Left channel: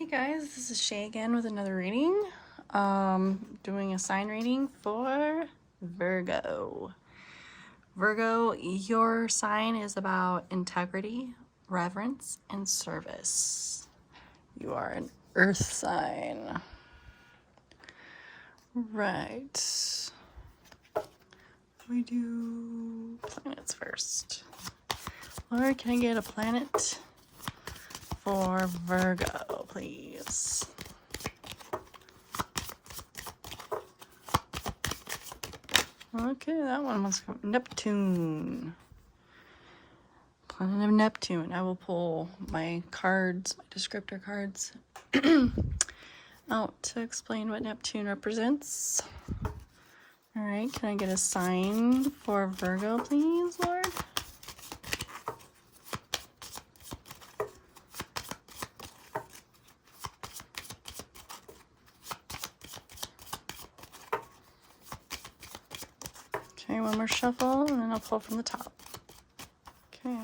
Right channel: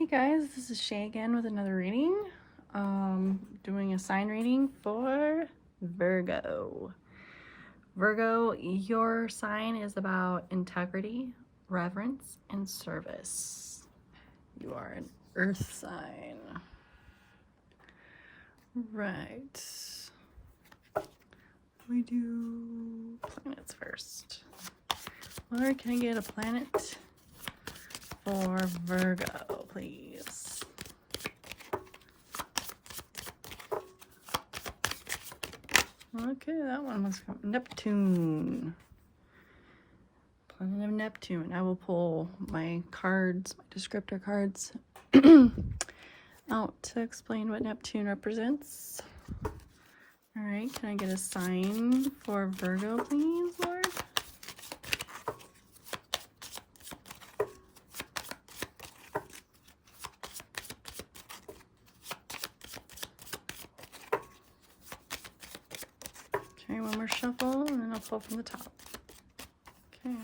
Hey guys, this is Shay again with another reading. Doing a sign reading for Virgo. Virgo, your sign is about integrity, reverence, and service. You are an earth sign. Right. We do planets first. Or can I get a planet for Virgo, please? Okay, that one must come. Neptune. Planet of Neptune. I will pull my cards, my descriptor cards, out to explain what Neptune represents. All right, can I get a sign for Virgo, please, Lord? Okay, one more shuffle, and then I'll pull from the top. Okay.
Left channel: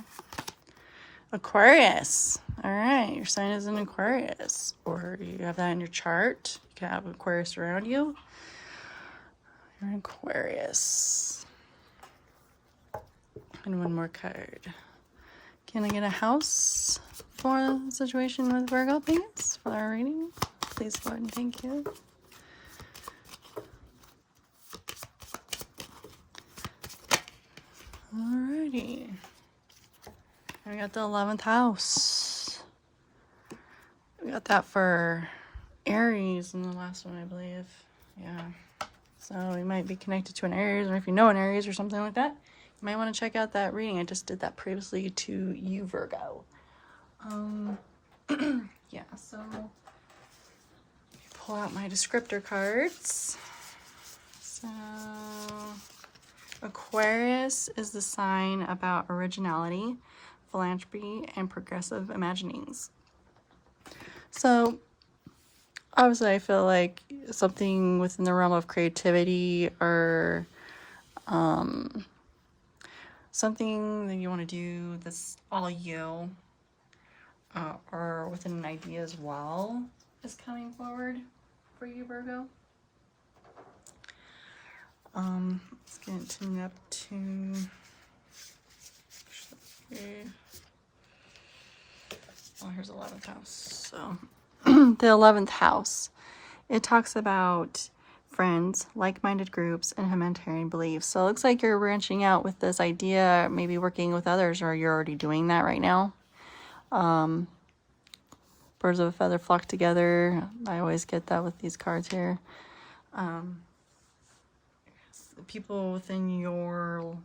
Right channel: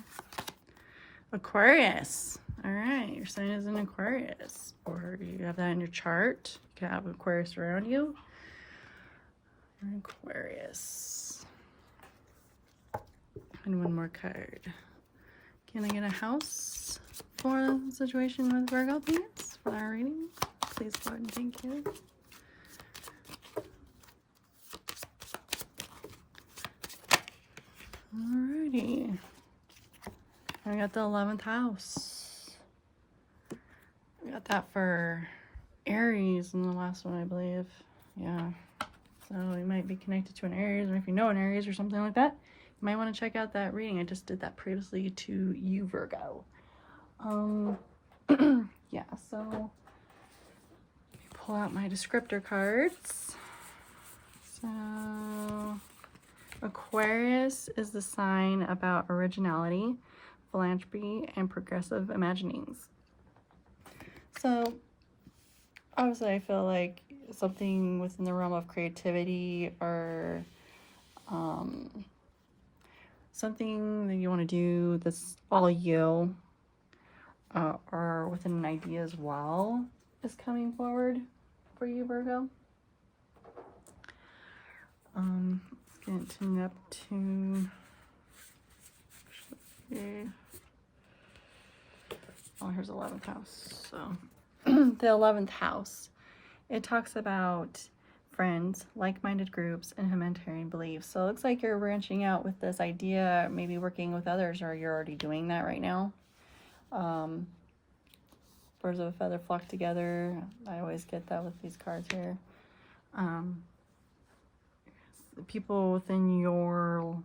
Aquarius. All right, your sign is an Aquarius, or you have that in your chart. You can have Aquarius around you. You're an Aquarius. And one more card. Can I get a house for the situation with Virgo, please, for our reading? Please, Lord, and thank you. Alrighty. I got the 11th house. We got that for Aries in the last one, I believe. Yeah. So we might be connected to an Aries, or if you know an Aries or something like that, you might want to check out that reading. I just did that previously to you, Virgo. Yeah, so let me pull out my descriptor cards. So Aquarius is the sign about originality, philanthropy, and progressive imaginings. So obviously I feel like something within the realm of creativity or something that you want to do that's all you or within an idea as well is coming forward for you, Virgo. Let's get into Neptune. Oh, here's 11th house. So the 11th house, it talks about friends, like-minded groups, and humanitarian beliefs. So it looks like you're branching out with this idea, maybe working with others, or you're already doing that right now. Birds of a feather flock together. I always get that with these cards here. People within your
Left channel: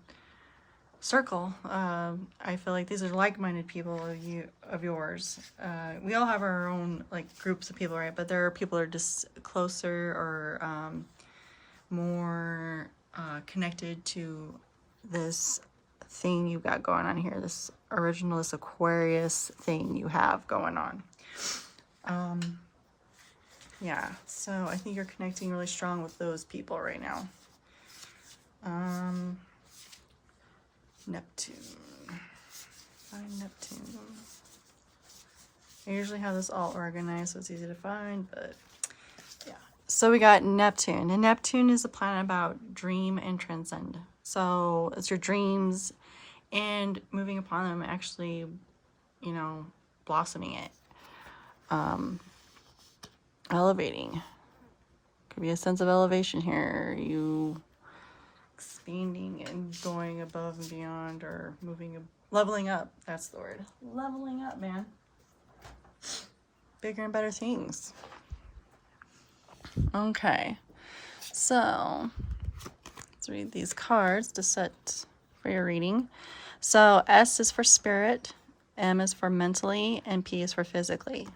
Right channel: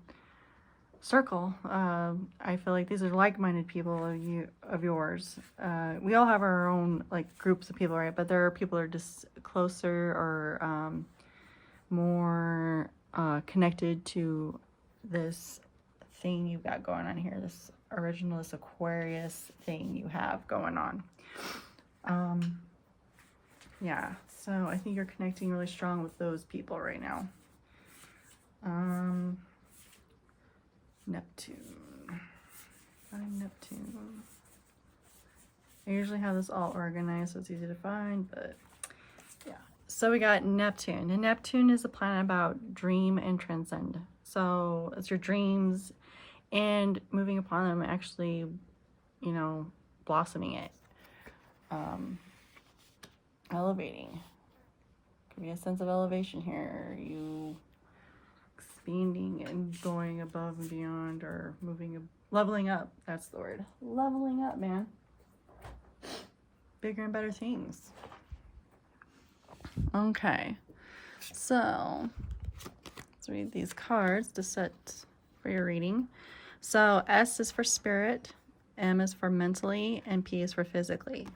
circle, I feel like these are like-minded people of yours. We all have our own like groups of people, right? But there are people that are just closer or more connected to this thing you've got going on here, this originalist Aquarius thing you have going on. Yeah, so I think you're connecting really strong with those people right now. Neptune. Find Neptune. I usually have this all organized so it's easy to find, but yeah. So we got Neptune. And Neptune is a planet about dream and transcend. So it's your dreams and moving upon them, actually, you know, blossoming it. Elevating. Could be a sense of elevation here. You expanding and going above and beyond, or leveling up. That's the word. Leveling up, man. Bigger and better things. Okay. So let's read these cards to set for your reading. So S is for spirit, M is for mentally, and P is for physically.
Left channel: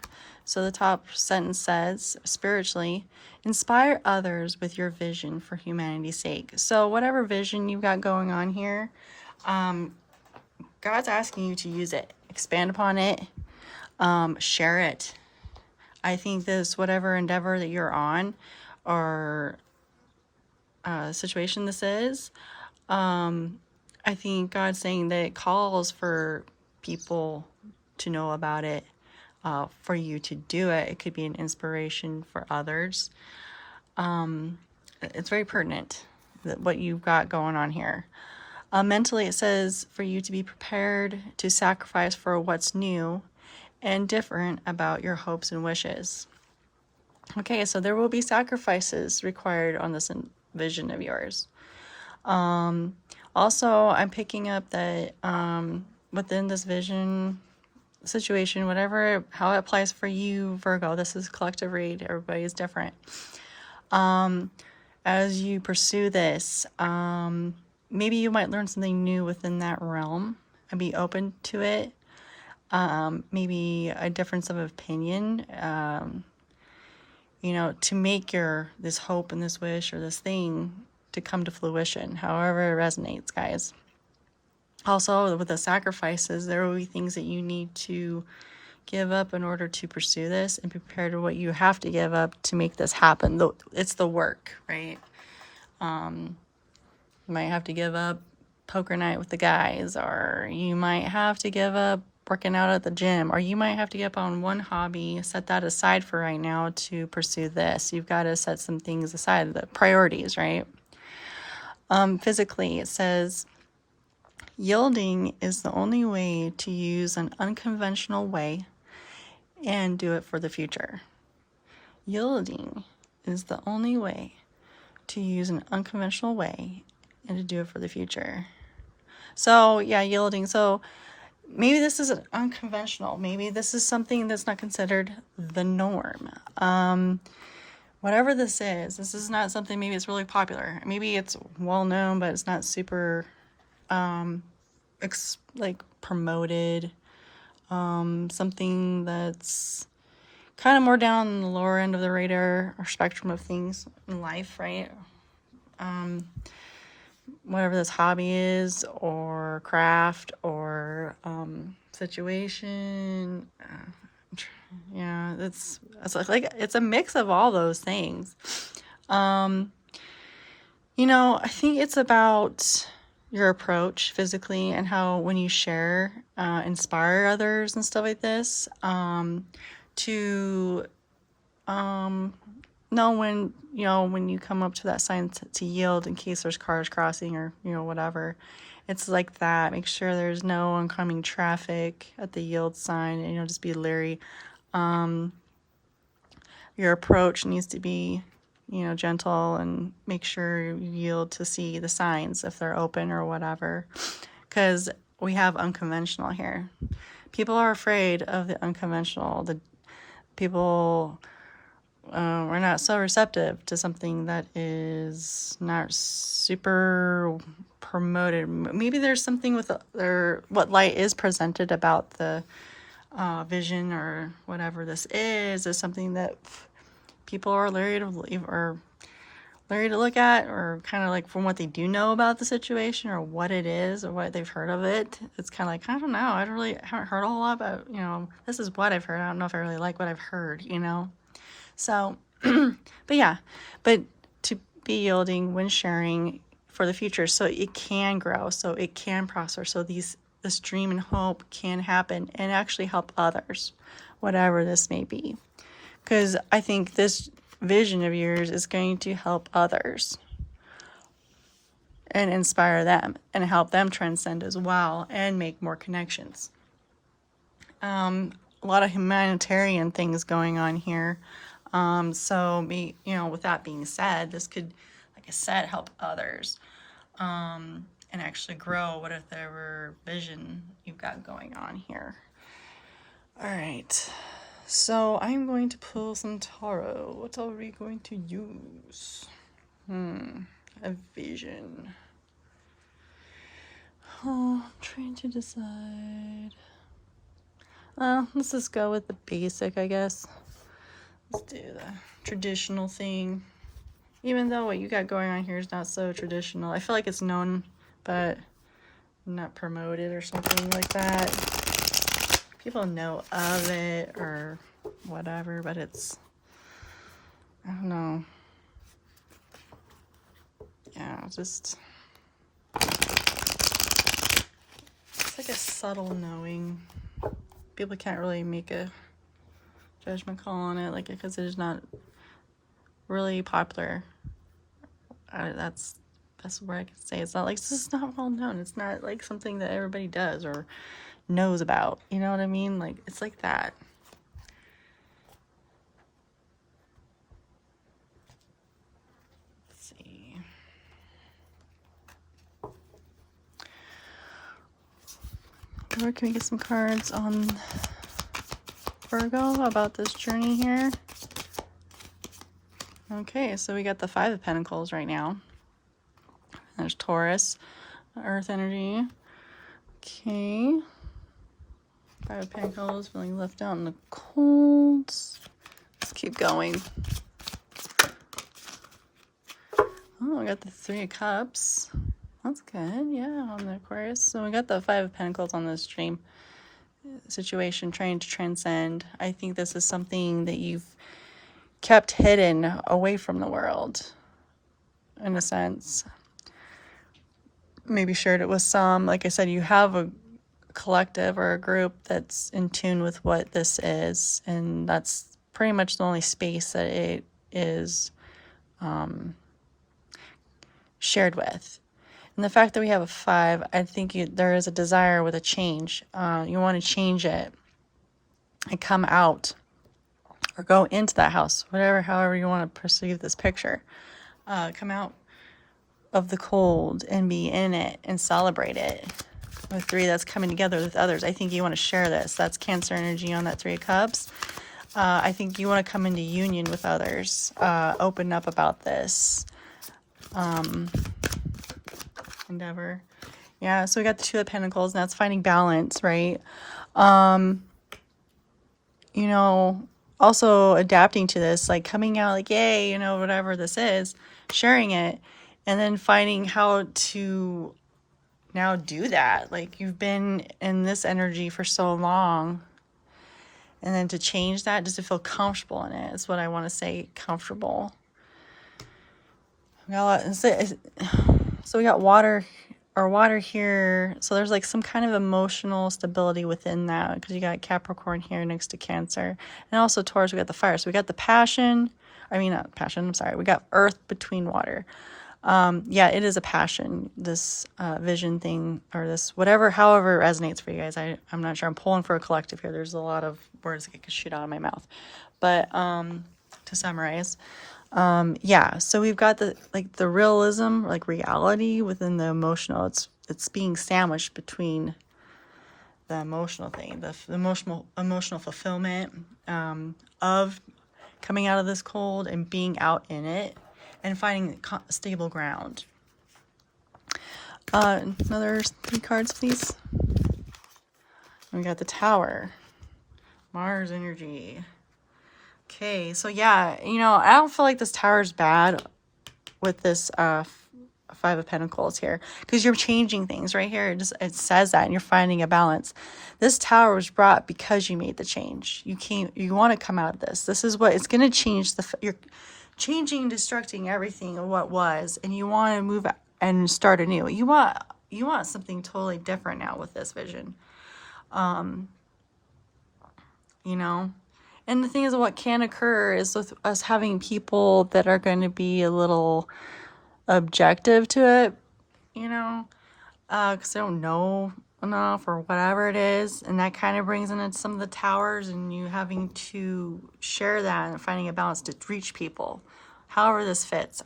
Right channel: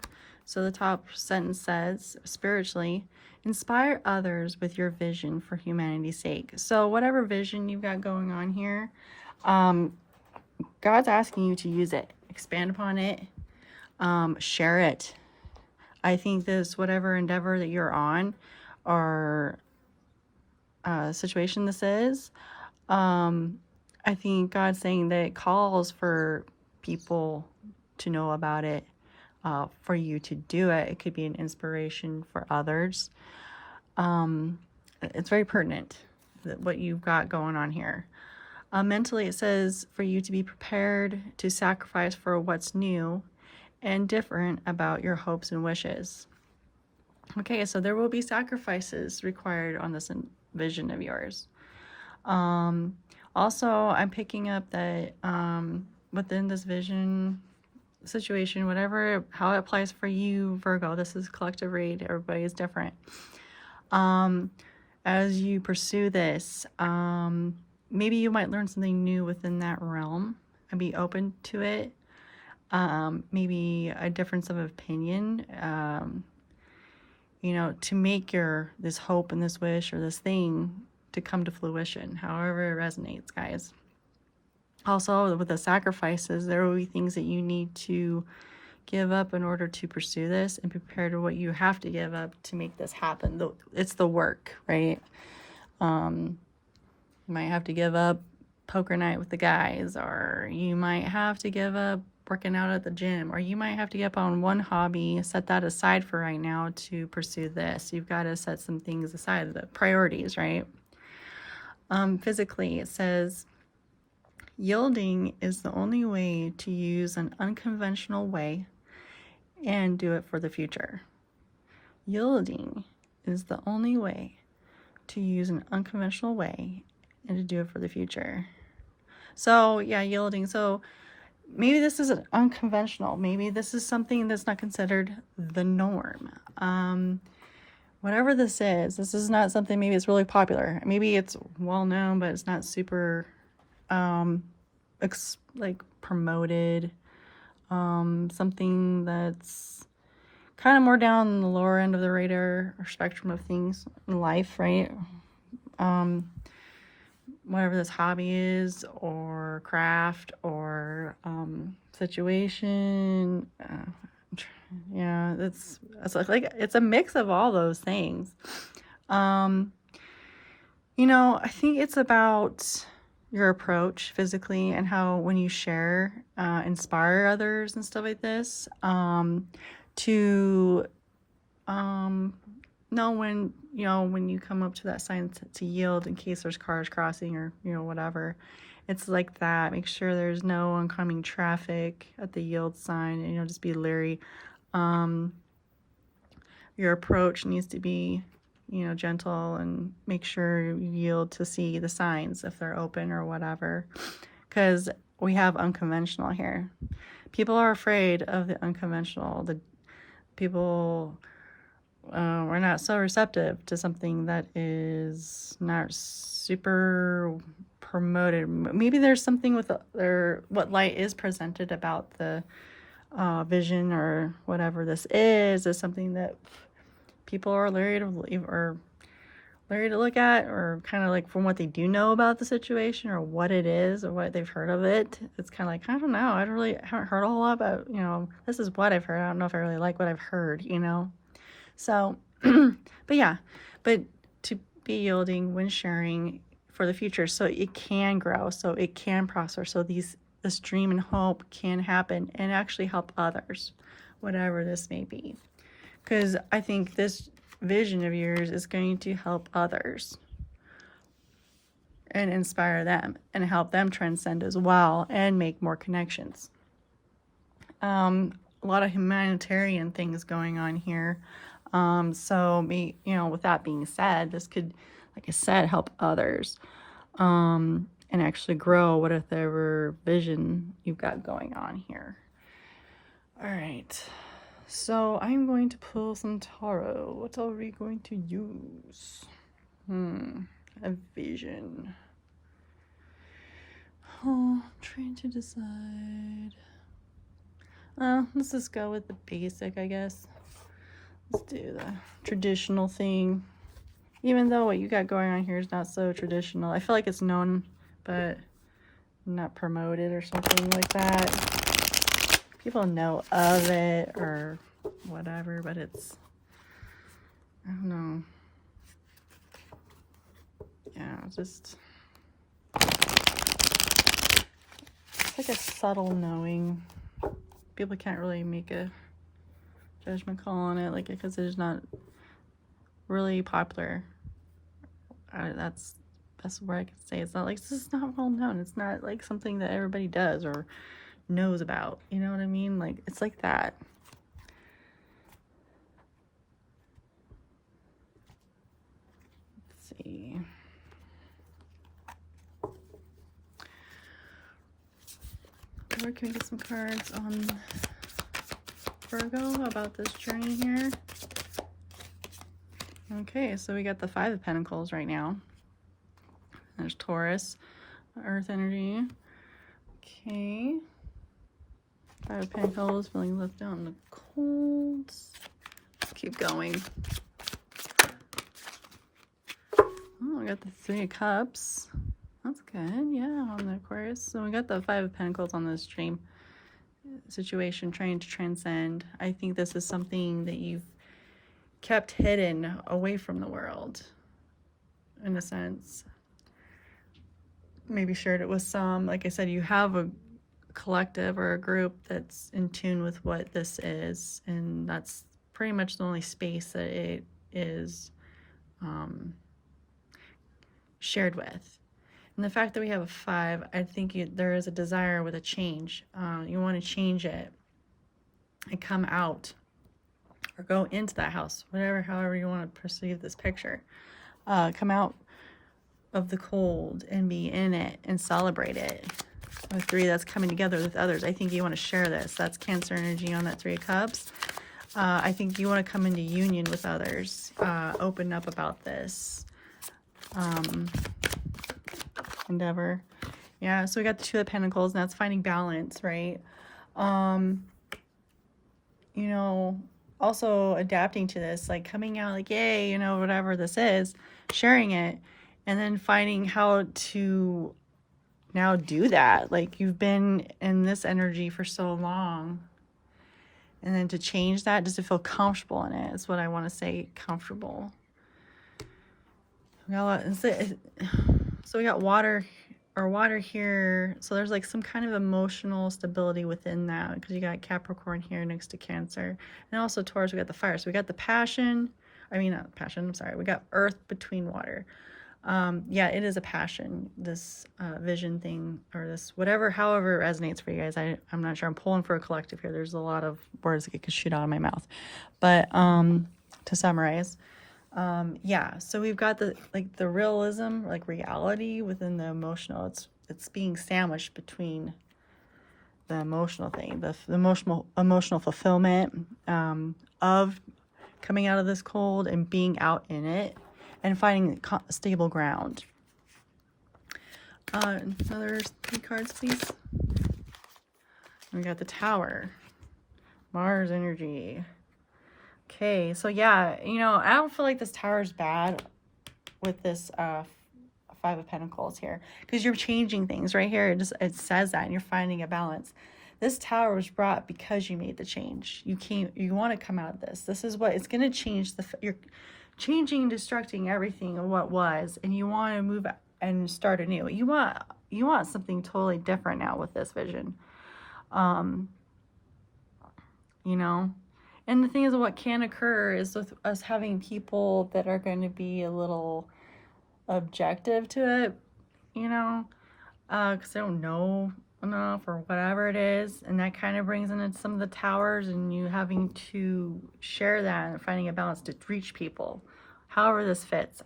So the top sentence says, spiritually, inspire others with your vision for humanity's sake. So whatever vision you've got going on here, God's asking you to use it, expand upon it, share it. I think this, whatever endeavor that you're on or situation this is, I think God's saying that it calls for people to know about it. for you to do it. It could be an inspiration for others. It's very pertinent, what you've got going on here. Mentally, it says for you to be prepared to sacrifice for what's new and different about your hopes and wishes. Okay, so there will be sacrifices required on this vision of yours. Also, I'm picking up that within this vision situation, whatever, how it applies for you, Virgo, this is collective read, everybody is different. As you pursue this, maybe you might learn something new within that realm and be open to it. Maybe a difference of opinion, to make this hope and this wish or this thing to come to fruition, however it resonates, guys. Also, with the sacrifices, there will be things that you need to give up in order to pursue this, and prepare to what you have to give up to make this happen. It's the work, right? You might have to give up poker night with the guys, or you might have to give up working out at the gym, or you might have to give up on one hobby, set that aside for right now to pursue this. You've got to set some things aside, the priorities, right? Physically, it says, yielding is the only way to use an unconventional way and do it for the future. Yielding is the only way to use an unconventional way and to do it for the future. So, yeah, yielding. So, maybe this is an unconventional. Maybe this is something that's not considered the norm. Whatever this is not something, maybe it's really popular. Maybe it's well known, but it's not super promoted. Something that's kind of more down the lower end of the radar or spectrum of things in life, right? Whatever this hobby is, or craft, or situation, it's a mix of all those things. I think it's about your approach physically, and how when you share, inspire others and stuff like this, to know when you come up to that sign to yield in case there's cars crossing, or whatever. It's like that. Make sure there's no oncoming traffic at the yield sign, and just be leery. Your approach needs to be gentle, and make sure you yield to see the signs if they're open or whatever, because we have unconventional here. People are afraid of the unconventional. The people we're not so receptive to something that is not super promoted. Maybe there's something with what light is presented about the vision, or whatever this is something that people are leery to leave, or leery to look at, or kind of like from what they do know about the situation, or what it is, or what they've heard of it. It's kind of like, I don't know, I haven't heard a whole lot about, this is what I've heard. I don't know if I really like what I've heard, So, but to be yielding when sharing for the future, so it can grow, so it can prosper, so this dream and hope can happen and actually help others, whatever this may be. Because I think this vision of yours is going to help others and inspire them and help them transcend as well and make more connections. A lot of humanitarian things going on here. With that being said, this could, like I said, help others and actually grow whatever vision you've got going on here. All right. So I'm going to pull some tarot. What are we going to use? A vision. Oh, I'm trying to decide. Let's just go with the basic, I guess. Let's do the traditional thing. Even though what you got going on here is not so traditional. I feel like it's known, but not promoted or something like that. People know of it or whatever, but it's, I don't know. Yeah, just, it's like a subtle knowing. People can't really make a judgment call on it, like, because it is not really popular. That's where I can say it's not like, this is not well known. It's not like something that everybody does or knows about. You know what I mean? Like, it's like that. Let's see. Or can we get some cards on Virgo about this journey here? Okay, so we got the Five of Pentacles right now. There's Taurus, Earth energy. Okay. Five of Pentacles, feeling left out in the cold. Let's keep going. Oh, we got the Three of Cups. That's good, yeah, on the Aquarius. So we got the Five of Pentacles on this dream situation, trying to transcend. I think this is something that you've kept hidden away from the world, in a sense. Maybe shared it with some. Like I said, you have a collective or a group that's in tune with what this is, and that's pretty much the only space that it is shared with. And the fact that we have a 5, I think there is a desire with a change. You want to change it and come out or go into that house, however you want to perceive this picture. Come out of the cold and be in it and celebrate it. With 3, that's coming together with others. I think you want to share this. That's Cancer energy on that 3 of Cups. I think you want to come into union with others. Open up about this endeavor. Yeah, so we got the 2 of Pentacles, and that's finding balance, right? You know, also adapting to this, like coming out like, yay, you know, whatever this is, sharing it, and then finding how to now do that. Like, you've been in this energy for so long, and then to change that, just to feel comfortable in it is what I want to say. Comfortable. So we got water here. So there's like some kind of emotional stability within that, because you got Capricorn here next to Cancer, and also Taurus. We got the fire. So we got the passion. I mean, not passion. I'm sorry. We got earth between water. Yeah, it is a passion, this vision thing, or this however it resonates for you guys. I'm not sure. I'm pulling for a collective here. There's a lot of words that could shoot out of my mouth. But to summarize, yeah, so we've got the realism, like reality within the emotional. It's being sandwiched between the emotional thing, the emotional fulfillment of coming out of this cold and being out in it, and finding stable ground. Another 3 cards, please. We got the Tower, Mars energy. Okay, so yeah, you know, I don't feel like this Tower is bad with this 5 of Pentacles here, because you're changing things right here. It says that, and you're finding a balance. This Tower was brought because you made the change. You want to come out of this. This is what it's going to change. You're changing, destructing everything of what was, and you want to move and start anew. You want something totally different now with this vision. You know. And the thing is, what can occur is with us having people that are going to be a little objective to it, you know, because they don't know enough or whatever it is. And that kind of brings in some of the towers, and you having to share that and finding a balance to reach people. However this fits.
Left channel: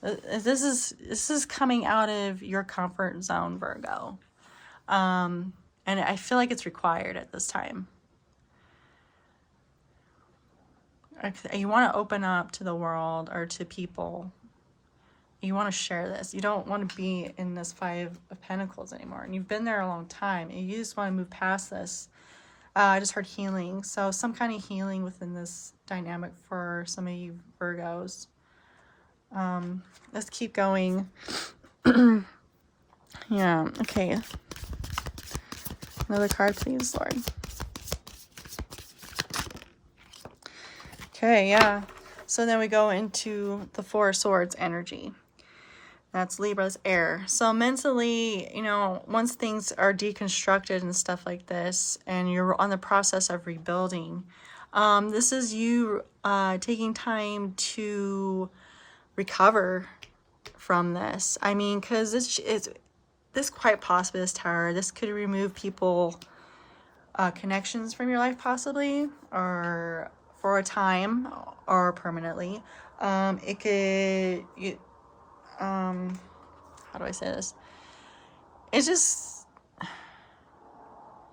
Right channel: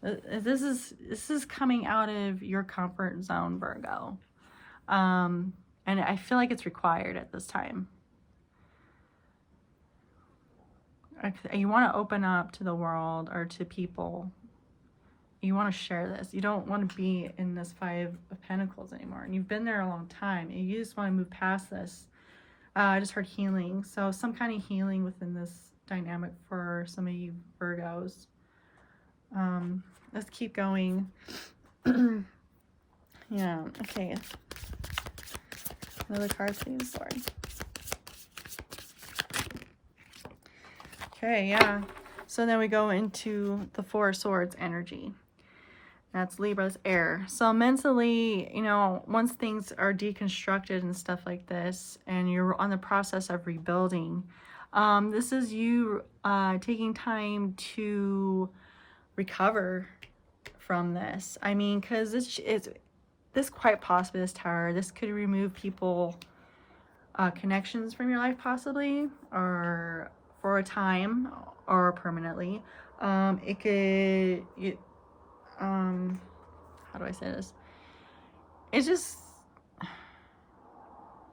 This is coming out of your comfort zone, Virgo. And I feel like it's required at this time. You want to open up to the world or to people. You want to share this. You don't want to be in this 5 of Pentacles anymore. And you've been there a long time. And you just want to move past this. I just heard healing. So some kind of healing within this dynamic for some of you Virgos. Let's keep going. Yeah, okay. Another card, please, Lord. Okay, yeah. So then we go into the 4 of Swords energy. That's Libra's air. So mentally, you know, once things are deconstructed and stuff like this, and you're on the process of rebuilding, this is you taking time to recover from this. I mean, because it's this quite possibly, this tower, this could remove people, connections from your life possibly, or for a time, or permanently. It could, how do I say this? It's just,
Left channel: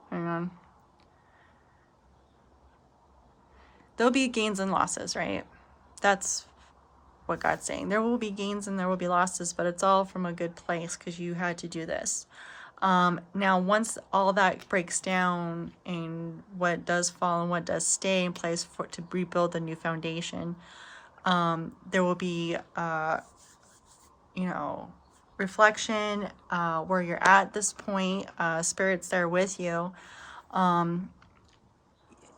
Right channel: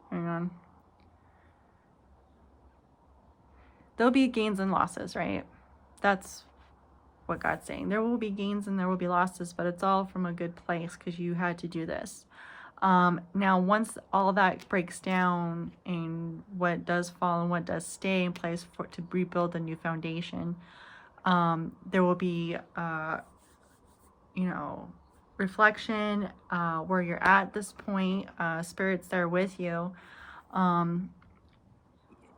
hang on. There'll be gains and losses, right? That's what God's saying. There will be gains and there will be losses, but it's all from a good place because you had to do this. Now, once all that breaks down and what does fall and what does stay in place to rebuild the new foundation, there will be, you know, reflection, where you're at this point, Spirit's there with you.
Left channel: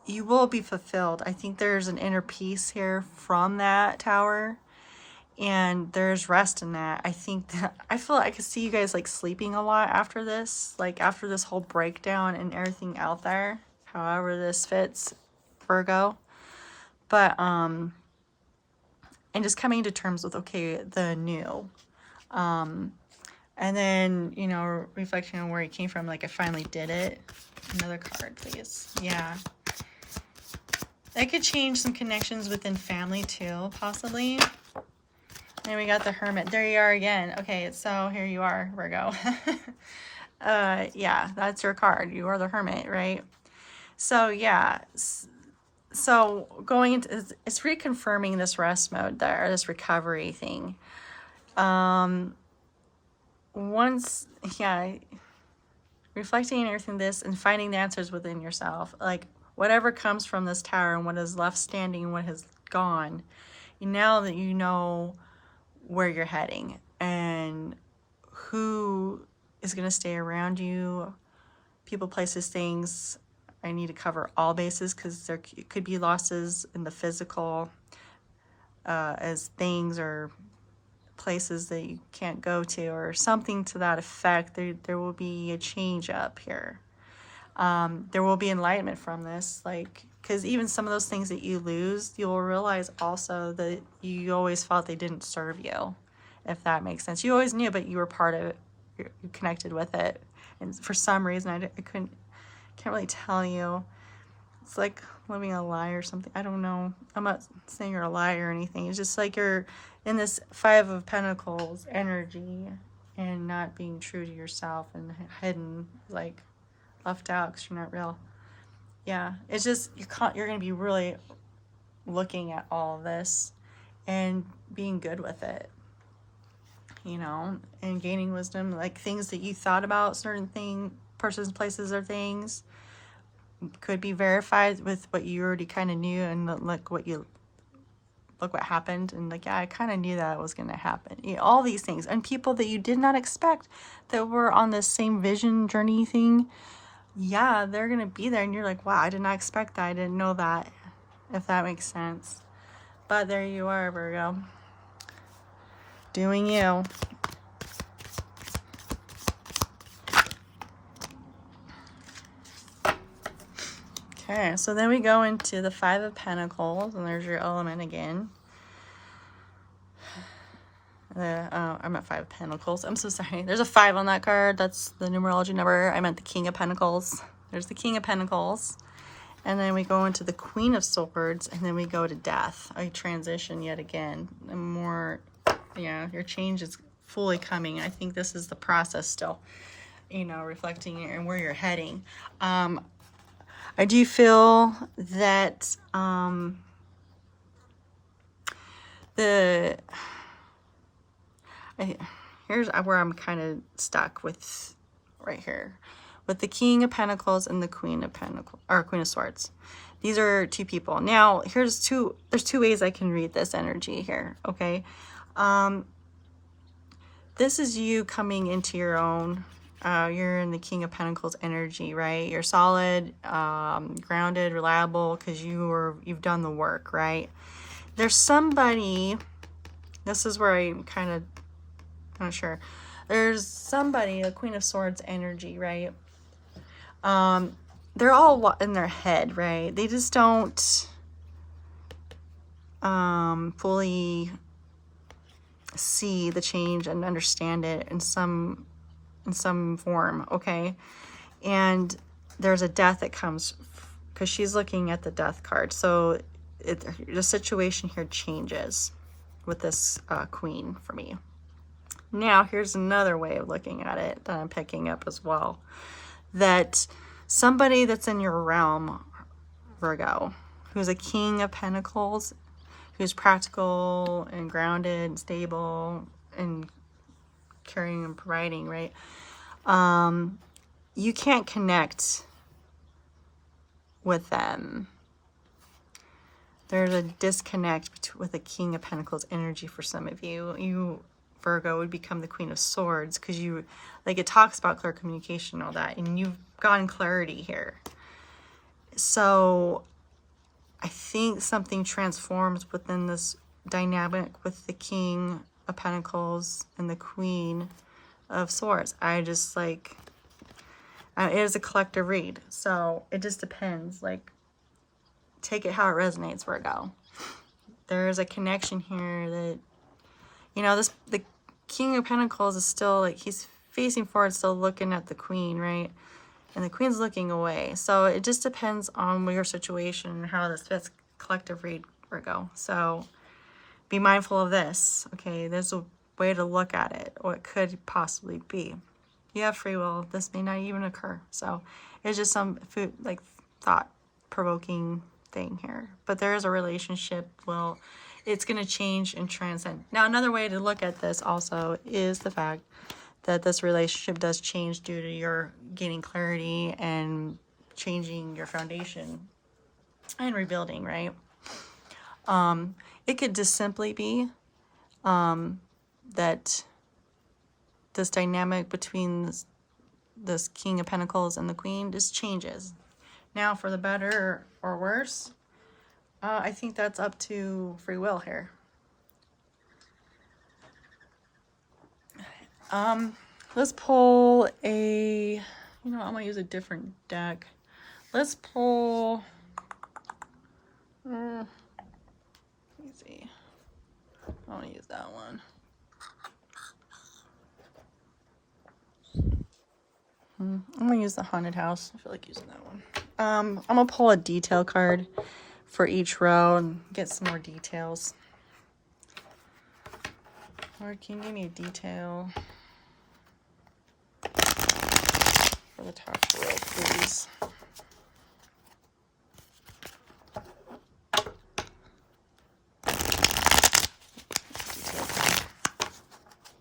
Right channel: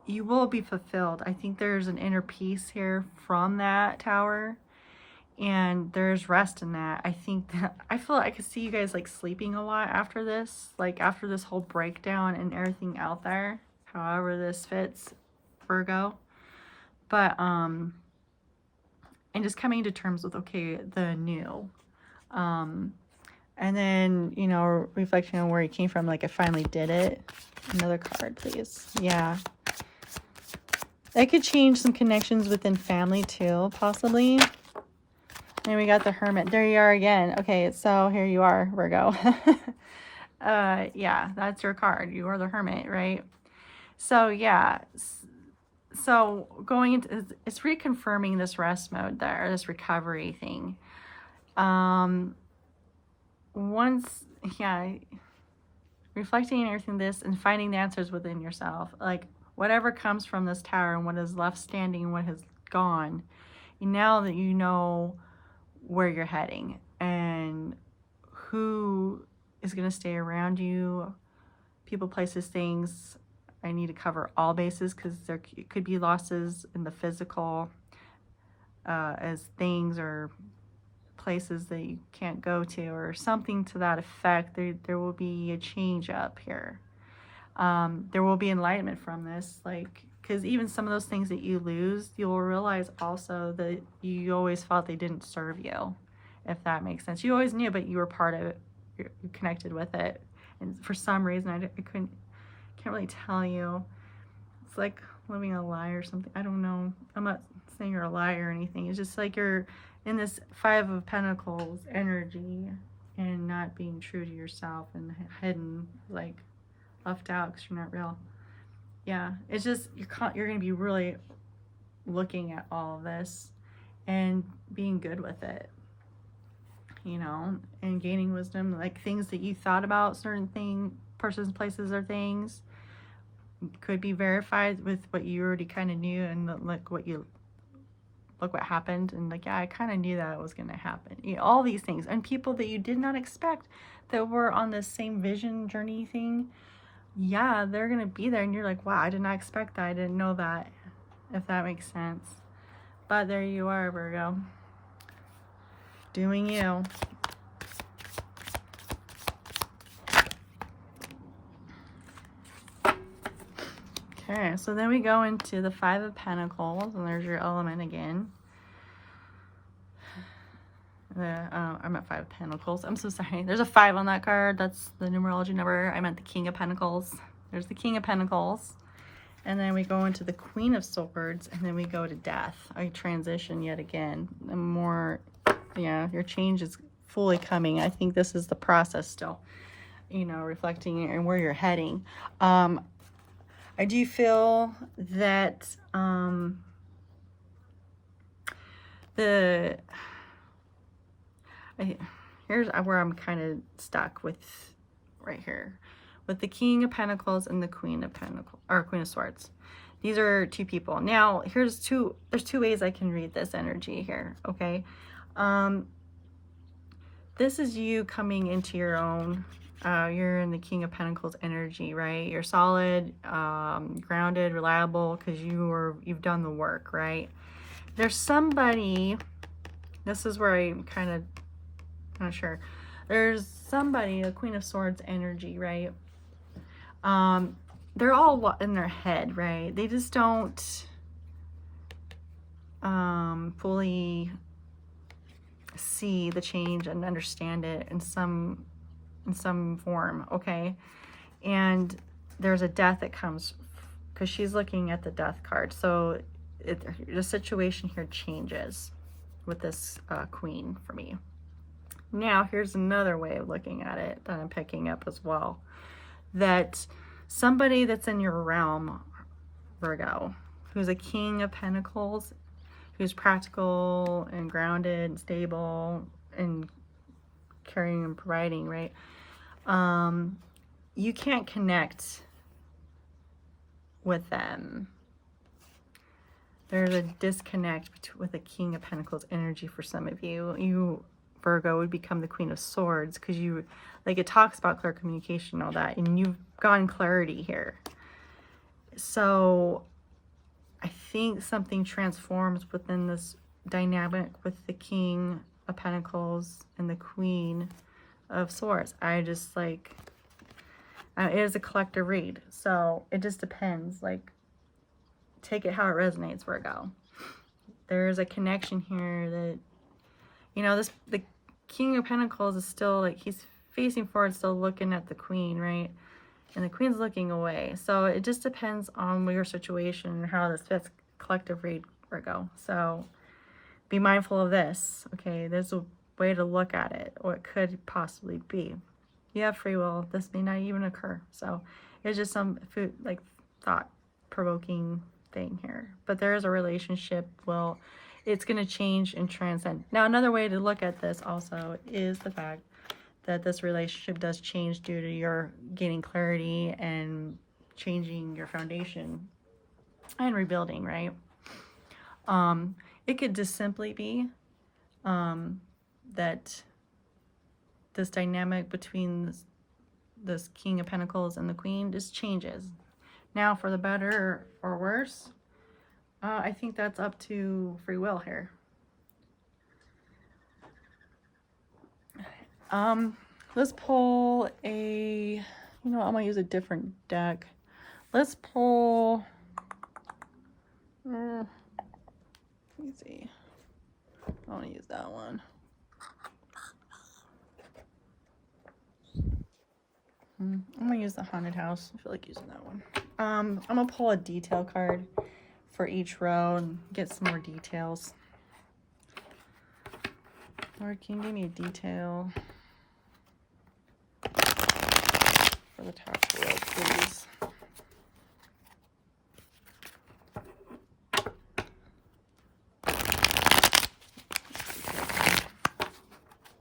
You will be fulfilled. I think there's an inner peace here from that tower, and there's rest in that. I think that I feel like I could see you guys like sleeping a lot after this, like after this whole breakdown and everything out there, however this fits, Virgo. But and just coming to terms with, okay, the new. And then, you know, reflecting on where you came from, like I finally did it. Another card, please. Yeah. That could change some connections within family too, possibly. And we got the Hermit. There you are again. Okay, so here you are, Virgo. Yeah, that's your card. You are the Hermit, right? So yeah. So going into, it's reconfirming this rest mode there, this recovery thing. Once, yeah, reflecting on everything this and finding the answers within yourself, like whatever comes from this tower and what is left standing and what has gone, now that you know where you're heading and who is going to stay around you, people, places, things. I need to cover all bases because there could be losses in the physical, as things or places that you can't go to or something to that effect. There will be a change up here. There will be enlightenment from this, like, because even some of those things that you lose, you'll realize also that you always felt they didn't serve you, if that makes sense. You always knew, but you were part of it. You connected with it, and for some reason I can't really tell you. It's like living a lie or something. I don't know. I'm not saying you're a liar or anything. It's just like you're in this Five of Pentacles energy and not being true to yourself and hidden, like left out because you're not real. Yeah, it's just you're going to be really looking at all of this and being good with it, you know, and gaining wisdom, like things that you thought about, certain persons, places, or things could be verified with what you already kind of knew, and look what happened, and like, yeah, I kind of knew that was going to happen. You know, all these things, and people that you did not expect that were on the same vision journey thing. Yeah, they're going to be there, and you're like, wow, I did not expect that. I didn't know that, if that makes sense. But there you are, Virgo. Doing you. Okay, so then we go into the Five of Pentacles, and there's your element again. I'm at Five of Pentacles. I'm so sorry. There's a 5 on that card. That's the numerology number. I meant the King of Pentacles. There's the King of Pentacles. And then we go into the Queen of Swords, and then we go to Death. I transition yet again. And more, yeah, your change is fully coming. I think this is the process still, you know, reflecting and where you're heading. I do feel that here's where I'm kind of stuck with right here with the King of Pentacles and the Queen of Pentacles, or Queen of Swords. These are two people. Now, there's two ways I can read this energy here, okay? This is you coming into your own. You're in the King of Pentacles energy, right? You're solid, grounded, reliable, because you've done the work, right? There's somebody, this is where I'm kind of Not sure. There's somebody, a Queen of Swords energy, right? They're all in their head, right? They just don't fully see the change and understand it in some form, okay? And there's a death that comes because she's looking at the death card. So the situation here changes with this queen for me. Now, here's another way of looking at it that I'm picking up as well. That somebody that's in your realm, Virgo, who's a King of Pentacles, who's practical and grounded and stable and caring and providing, right? You can't connect with them. There's a disconnect with the King of Pentacles energy for some of you. You, Virgo, would become the Queen of Swords because you, like, it talks about clear communication and all that, and you've gotten clarity here. So I think something transforms within this dynamic with the King of Pentacles and the Queen of Swords. I just like, it is a collective read, so it just depends. Like, take it how it resonates, Virgo. There's a connection here that, you know, the King of Pentacles is still, like, he's facing forward, still looking at the Queen, right? And the Queen's looking away. So it just depends on your situation and how this fits. Collective read, Virgo. So be mindful of this, okay? There's a way to look at it, or it could possibly be. You have free will. This may not even occur. So it's just some food, like, thought-provoking thing here. But there is a relationship. Well, it's going to change and transcend. Now, another way to look at this also is the fact that this relationship does change due to your gaining clarity and changing your foundation and rebuilding, right? It could just simply be that this dynamic between this King of Pentacles and the Queen just changes. Now, for the better or worse, I think that's up to free will here. Let's pull a, you know, I'm gonna use a different deck. Let's pull, let me see. I want to use that one. I'm gonna use the haunted house. I feel like using that one. I'm gonna pull a detail card for each row and get some more details. Lord, can you give me a detail for the top row, please?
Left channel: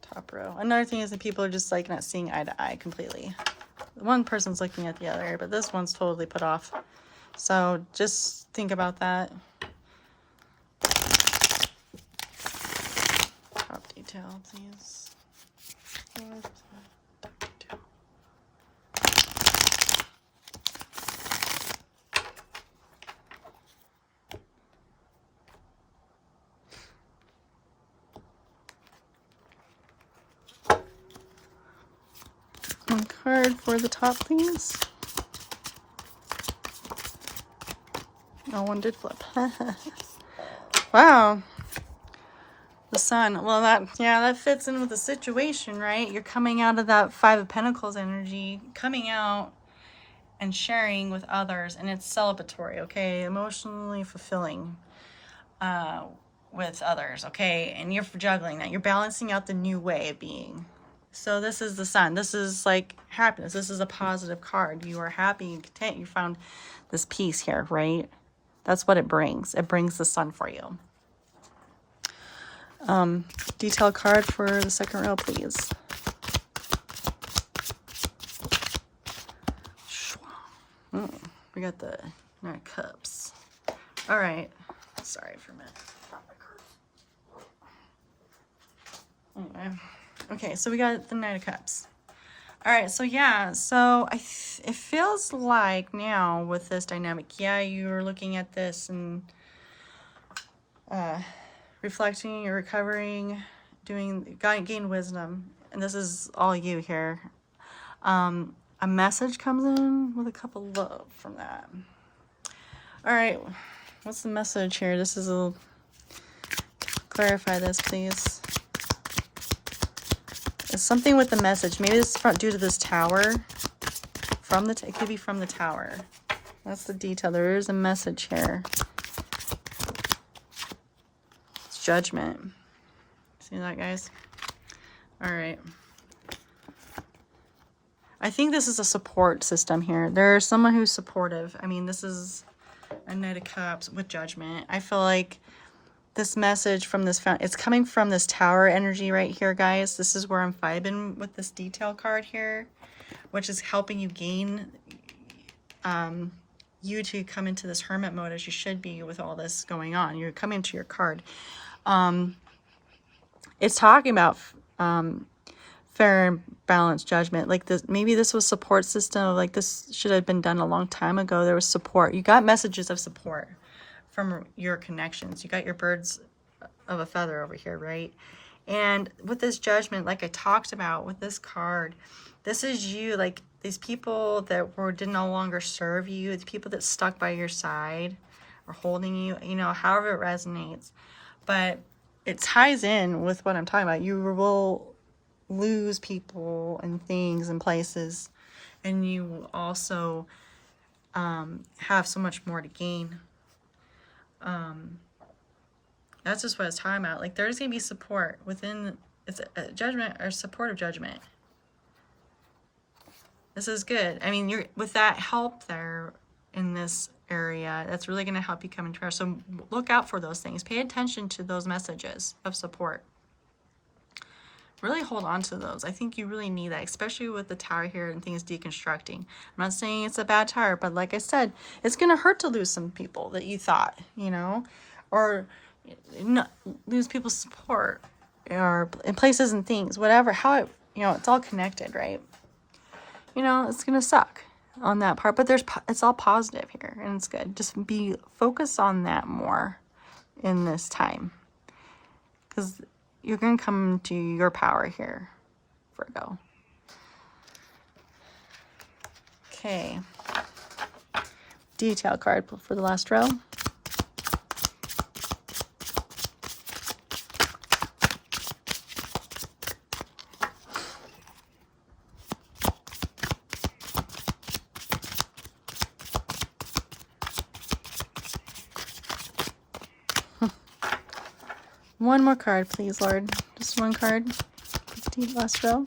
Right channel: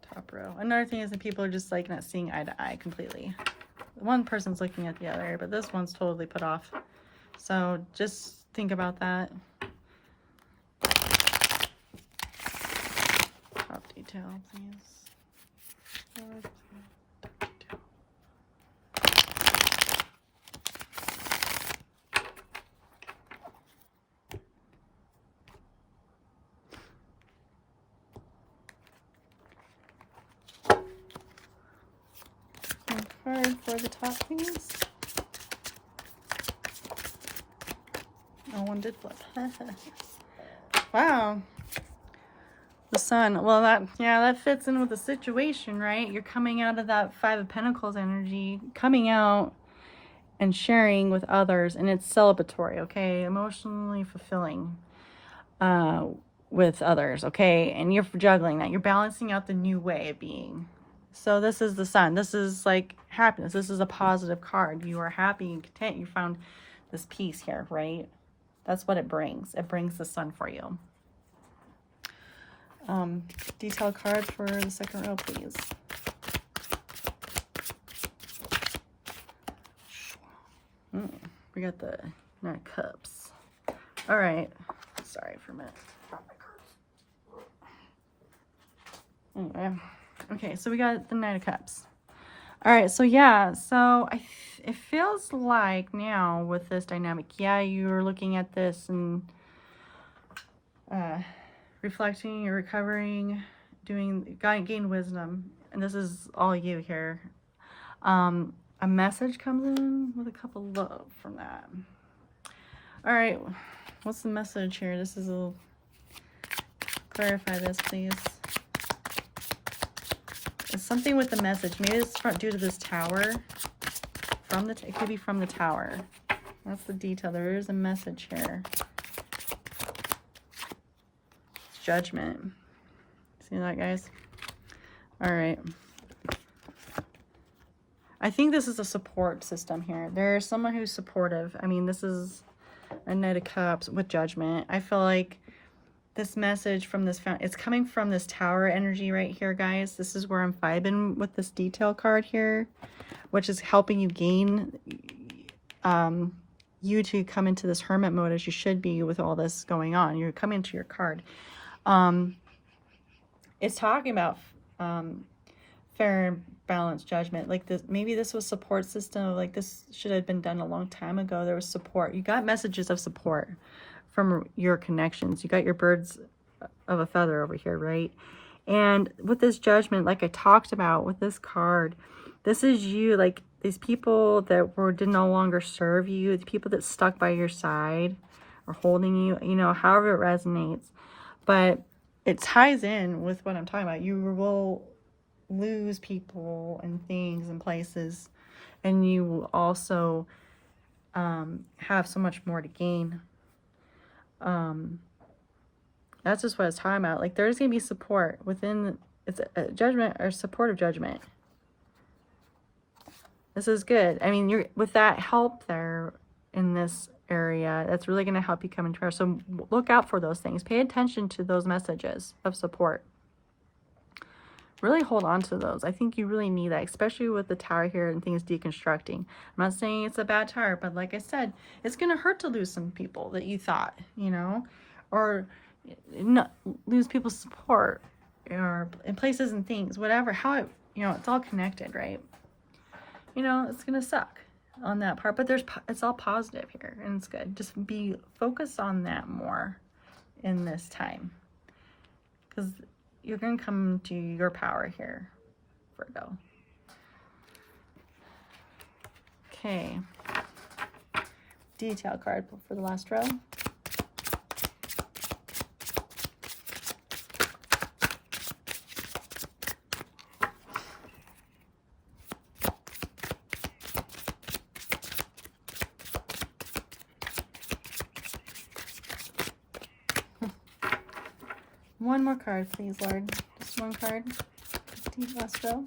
Top row. Another thing is that people are just like not seeing eye to eye completely. One person's looking at the other, but this one's totally put off. So just think about that. Top detail, please. Top detail. One card for the top, please. Oh, one did flip. Wow. The Sun. Well, that fits in with the situation, right? You're coming out of that Five of Pentacles energy, coming out and sharing with others, and it's celebratory, okay? Emotionally fulfilling with others, okay? And you're juggling that. You're balancing out the new way of being. So this is the Sun. This is like happiness. This is a positive card. You are happy and content. You found this peace here, right? That's what it brings. It brings the Sun for you. Detail card for the second row, please. We got the Nine of Cups. All right. Sorry for a minute. Yeah. Okay, so we got the Nine of Cups. All right, so yeah, so it feels like now with this dynamic, yeah, you're looking at this and reflecting, you're recovering, gain wisdom. And this is all you here. A message comes in with a cup of love from that. All right, what's the message here? This is a, clarify this, please. It's something with the message. Maybe it's due to this tower. It could be from the tower. That's the detail. There is a message here. It's judgment. See that, guys? All right. I think this is a support system here. There's someone who's supportive. I mean, this is a Knight of Cups with judgment. I feel like this message from this it's coming from this tower energy right here, guys. This is where I'm vibing with this detail card here, which is helping you gain you to come into this hermit mode as you should be with all this going on. You're coming to your card. It's talking about fair and balanced judgment. Like this, maybe this was support system. Like this should have been done a long time ago. There was support. You got messages of support from your connections. You got your birds of a feather over here, right? And with this judgment, like I talked about with this card, this is you, like these people that did no longer serve you, the people that stuck by your side or holding you, you know, however it resonates. But it ties in with what I'm talking about. You will lose people and things and places, and you also have so much more to gain. That's just what it's talking about. Like there's gonna be support within, it's a judgment or supportive judgment. This is good. I mean, you're with that help there in this area, that's really going to help you come into prayer. So look out for those things. Pay attention to those messages of support. Really hold on to those. I think you really need that, especially with the tower here and things deconstructing. I'm not saying it's a bad tower, but like I said, it's going to hurt to lose some people that you thought, you know, or not lose people's support or in places and things, whatever, how it, you know, it's all connected, right? You know, it's going to suck on that part, but it's all positive here and it's good. Just be focused on that more in this time, because you're going to come to your power here, Virgo. Okay. Detail card for the last row. One more card, please, Lord. Just one card. Last row.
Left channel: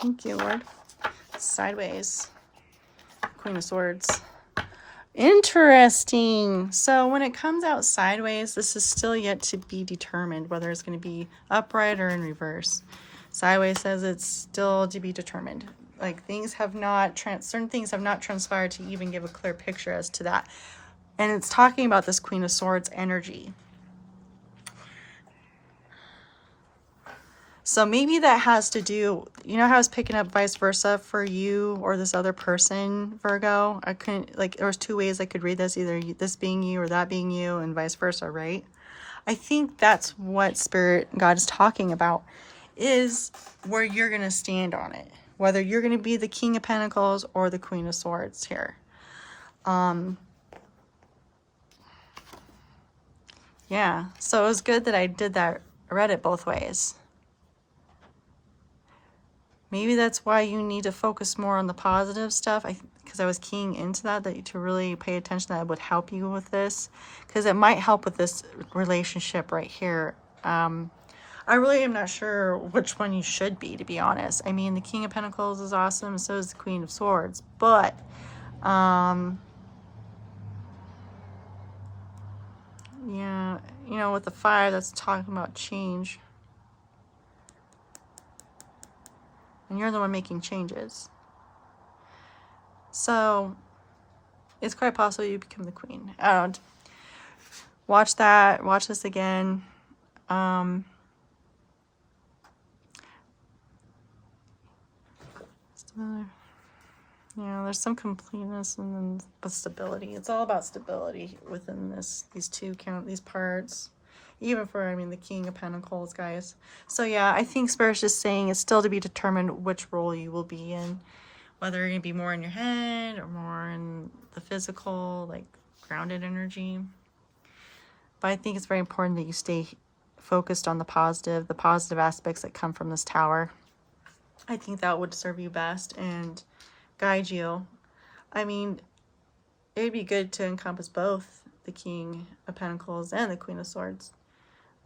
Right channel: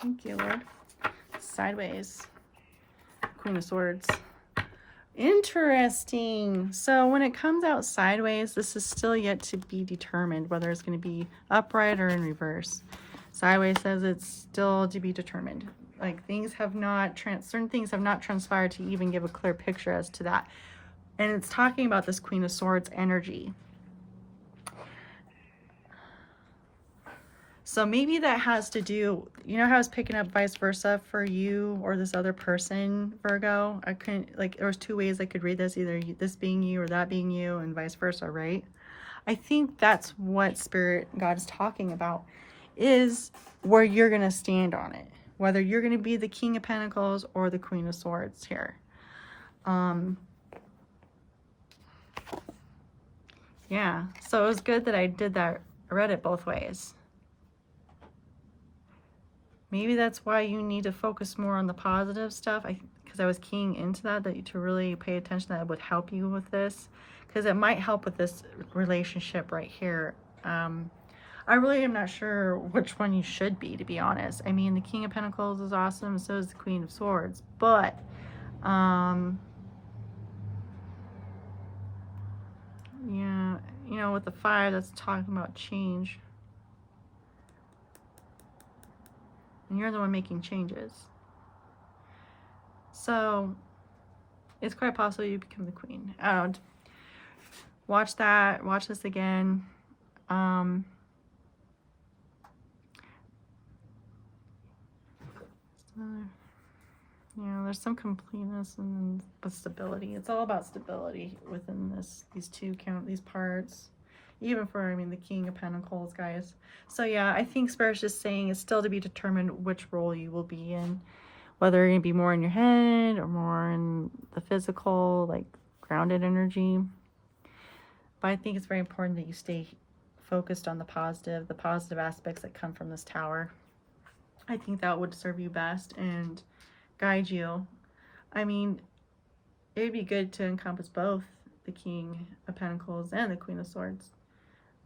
Thank you, Lord. Sideways. Queen of Swords. Interesting. So when it comes out sideways, this is still yet to be determined whether it's going to be upright or in reverse. Sideways says it's still to be determined. Like things have not, certain things have not transpired to even give a clear picture as to that. And it's talking about this Queen of Swords energy. So maybe that has to do, you know how I was picking up vice versa for you or this other person, Virgo? I couldn't, like, there was two ways I could read this, either this being you or that being you and vice versa, right? I think that's what Spirit God is talking about, is where you're going to stand on it. Whether you're going to be the King of Pentacles or the Queen of Swords here. Yeah, so it was good that I did that. I read it both ways. Maybe that's why you need to focus more on the positive stuff. Because I was keying into that to really pay attention. That would help you with this. Because it might help with this relationship right here. I really am not sure which one you should be, to be honest. I mean, the King of Pentacles is awesome. So is the Queen of Swords. But, yeah, you know, with the fire, that's talking about change. And you're the one making changes. So it's quite possible you become the queen. Watch that. Watch this again. There's some completeness and then stability. It's all about stability within these parts. even for, I mean, the King of Pentacles, guys. So yeah, I think Spirit's just saying it's still to be determined which role you will be in, whether you're going to be more in your head or more in the physical, like grounded energy. But I think it's very important that you stay focused on the positive aspects that come from this Tower. I think that would serve you best and guide you. I mean, it'd be good to encompass both the King of Pentacles and the Queen of Swords.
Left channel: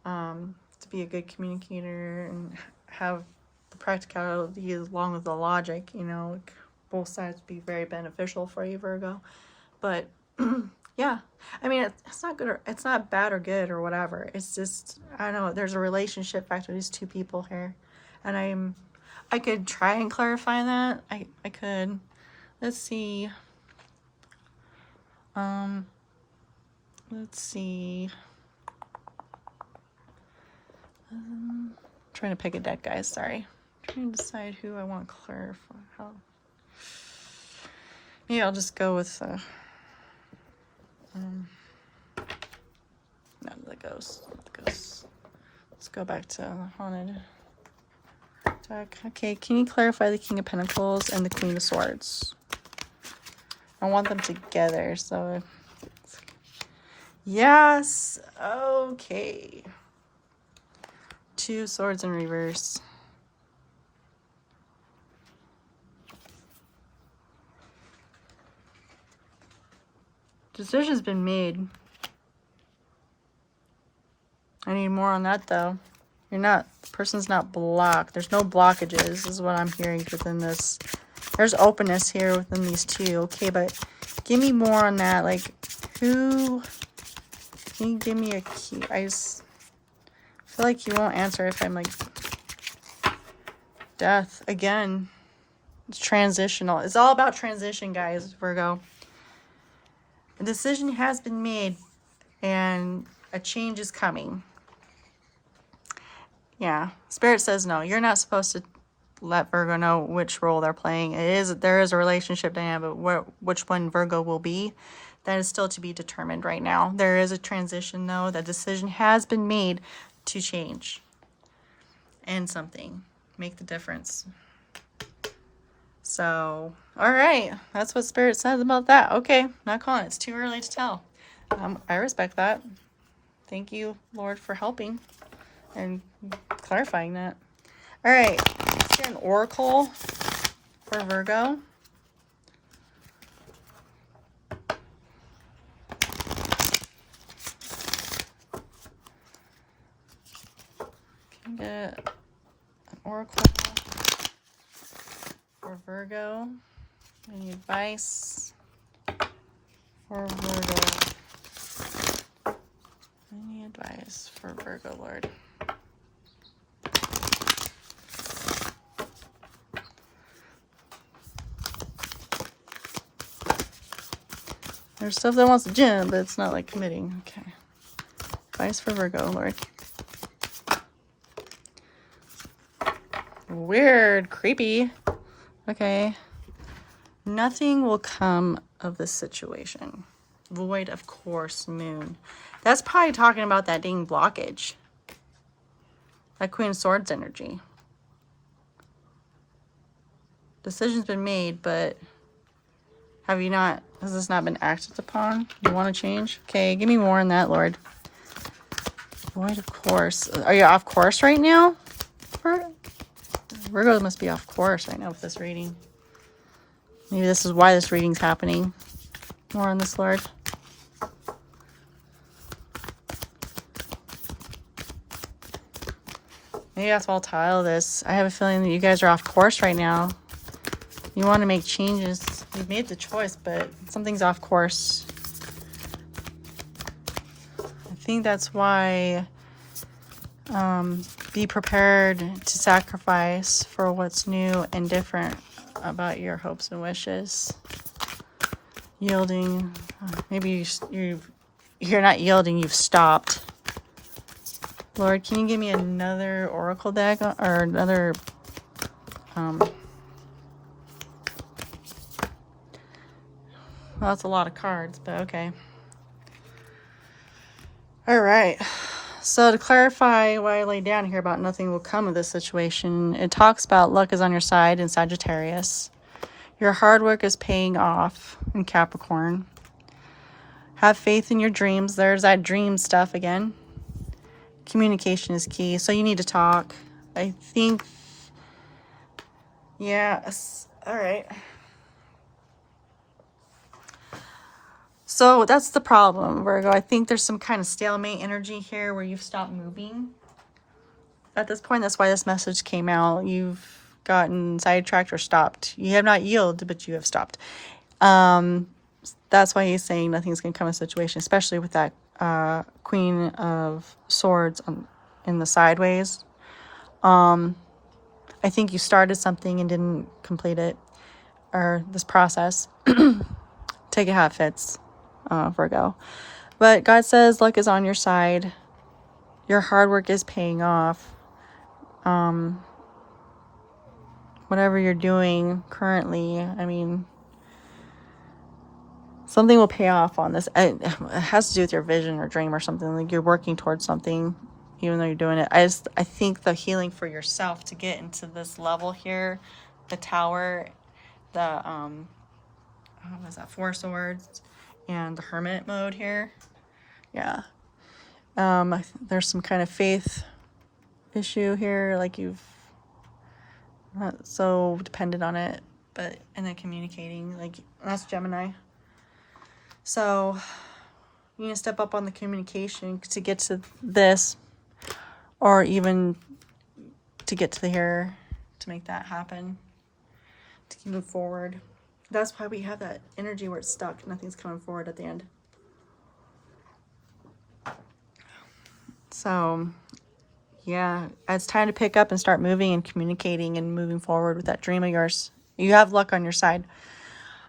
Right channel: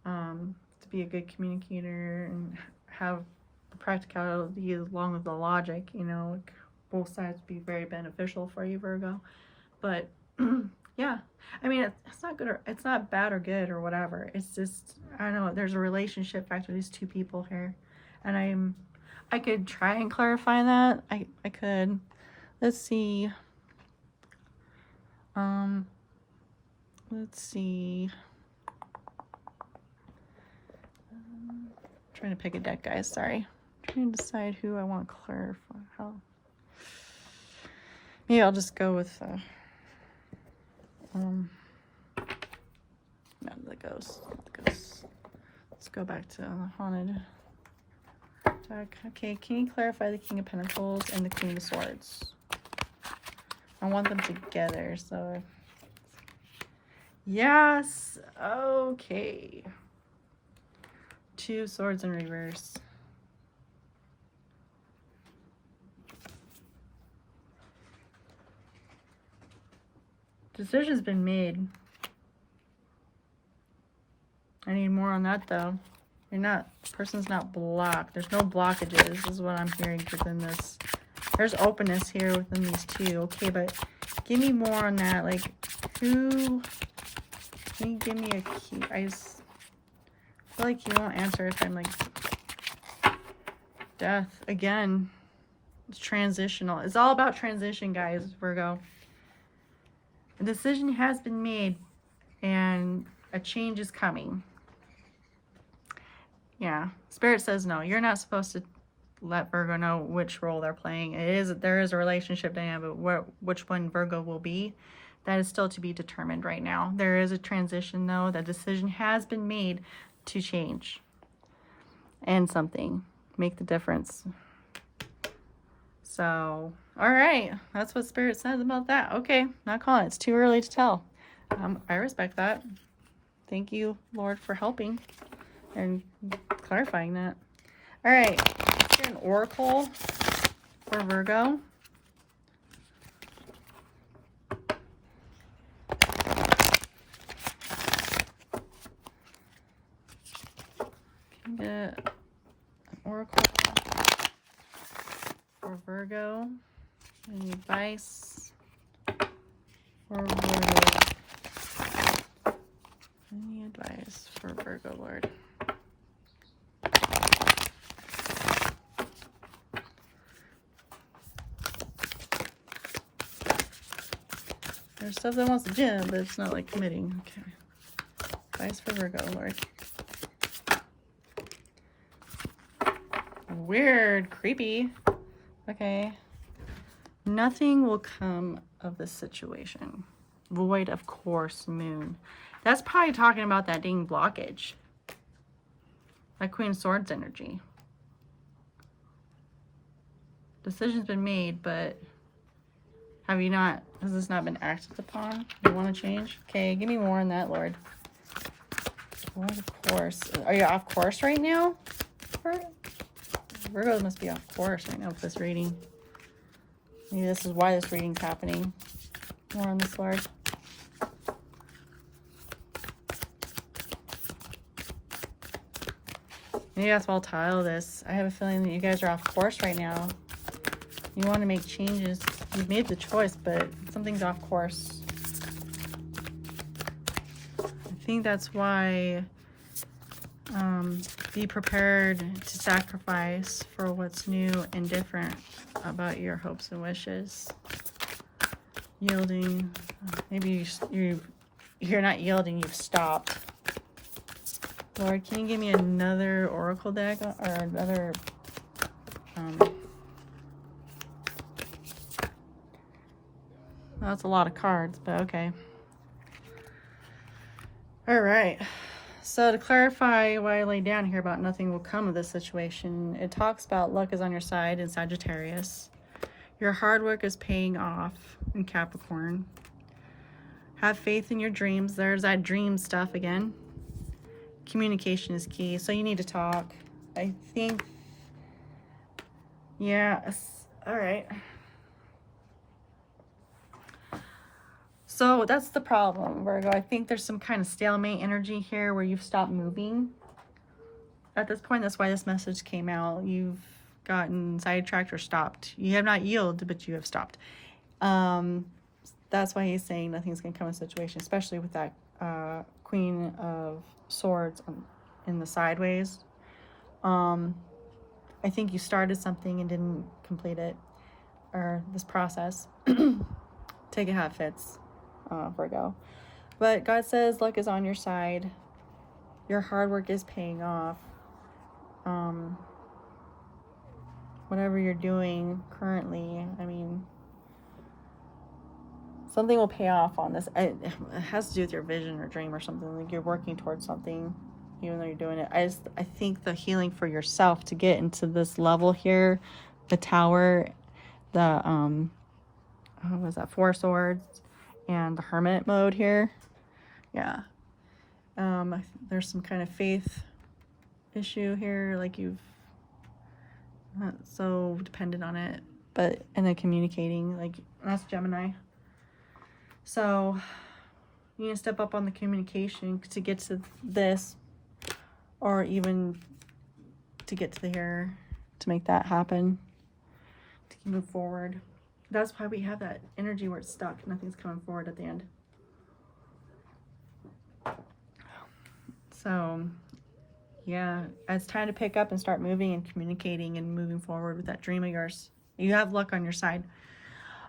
To be a good communicator and have the practicality along with the logic, you know, both sides would be very beneficial for you, Virgo. But yeah, I mean, it's not good or it's not bad or good or whatever. It's just, I don't know, there's a relationship factor, these two people here. And I could try and clarify that. I could. Let's see. Let's see. Trying to pick a deck, guys. Sorry. Trying to decide who I want to clarify. How? Maybe I'll just go with no, the ghost. Let's go back to the haunted deck. Okay, can you clarify the King of Pentacles and the Queen of Swords? I want them together, so yes. Okay. Two swords in reverse. Decision's been made. I need more on that though. You're not, the person's not blocked. There's no blockages, is what I'm hearing within this. There's openness here within these two. Okay, but give me more on that. Like, who, can you give me a key? I just feel like you won't answer if I'm like, death. Again, it's transitional. It's all about transition, guys, Virgo. A decision has been made and a change is coming. Yeah, Spirit says no. You're not supposed to let Virgo know which role they're playing. There is a relationship dynamic, but which one Virgo will be, that is still to be determined right now. There is a transition, though. That decision has been made to change and something. Make the difference. So, all right. That's what Spirit says about that. Okay, not calling it. It's too early to tell. I respect that. Thank you, Lord, for helping and clarifying that. All right. Let's get an oracle for Virgo. Can get an oracle for Virgo. Any advice for Virgo? Any advice for Virgo, Lord? There's stuff that wants to gym, but it's not like committing. Okay. Advice for Virgo, Lord. Weird. Creepy. Okay. Nothing will come of this situation. Void of course, moon. That's probably talking about that dang blockage. That Queen of Swords energy. Decision's been made, but have you not, has this not been acted upon? You want to change? Okay, give me more on that, Lord. Void of course. Are you off course right now? Virgo must be off course right now with this reading. Maybe this is why this reading's happening. More on this, Lord. Maybe that's why I'll tile this. I have a feeling that you guys are off course right now. You want to make changes. You've made the choice, but something's off course. I think that's why be prepared to sacrifice for what's new and different about your hopes and wishes. Yielding. Maybe you're not yielding, you've stopped. Lord, can you give me another oracle deck or another well, that's a lot of cards, but okay. All right. So to clarify why I laid down here about nothing will come of this situation, it talks about luck is on your side in Sagittarius. Your hard work is paying off in Capricorn. Have faith in your dreams. There's that dream stuff again. Communication is key. So you need to talk. I think, yeah, all right. So that's the problem, Virgo. I think there's some kind of stalemate energy here where you've stopped moving. At this point, that's why this message came out. You've gotten sidetracked or stopped. You have not yielded, but you have stopped. That's why he's saying nothing's going to come of a situation, especially with that Queen of Swords in the sideways. I think you started something and didn't complete it, or this process. Take it how it fits. Virgo. But God says luck is on your side. Your hard work is paying off. Whatever you're doing currently, I mean, something will pay off on this. It has to do with your vision or dream or something. Like you're working towards something, even though you're doing it. I think the healing for yourself to get into this level here, the Tower, the what was that? 4 Swords. And the Hermit mode here. Yeah. There's some kind of faith issue here. Like you've not so dependent on it. But, and then communicating. Like, that's Gemini. So, you need to step up on the communication to get to this. Or even to get to the here. To make that happen. To move forward. That's why we have that energy where it's stuck. Nothing's coming forward at the end. So, yeah, it's time to pick up and start moving and communicating and moving forward with that dream of yours. You have luck on your side.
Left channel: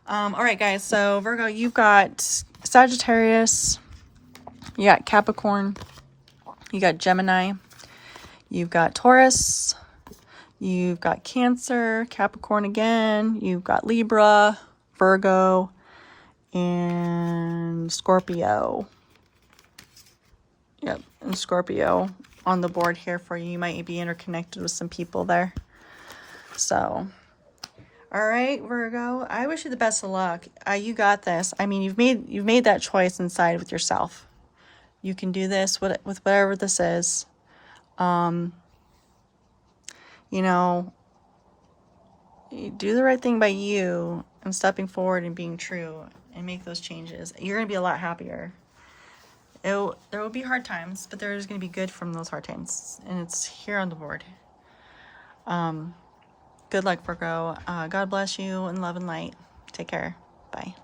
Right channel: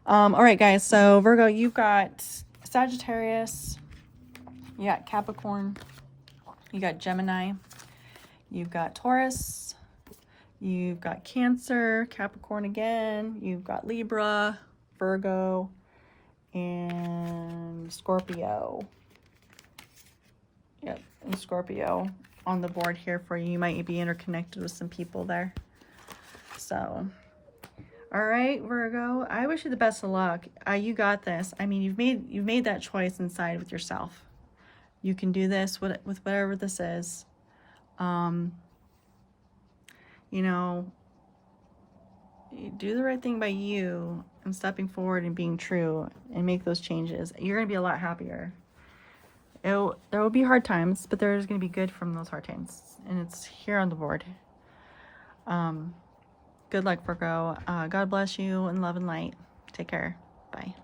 All right, guys. So, Virgo, you've got Sagittarius. You got Capricorn. You got Gemini. You've got Taurus. You've got Cancer, Capricorn again. You've got Libra, Virgo, and Scorpio. Yep, and Scorpio on the board here for you. You might be interconnected with some people there. So, all right, Virgo. I wish you the best of luck. You got this. I mean, you've made that choice inside with yourself. You can do this with whatever this is. You know, you do the right thing by you and stepping forward and being true and make those changes. You're going to be a lot happier. There will be hard times, but there's going to be good from those hard times. And it's here on the board. Good luck, Virgo. God bless you and love and light. Take care. Bye.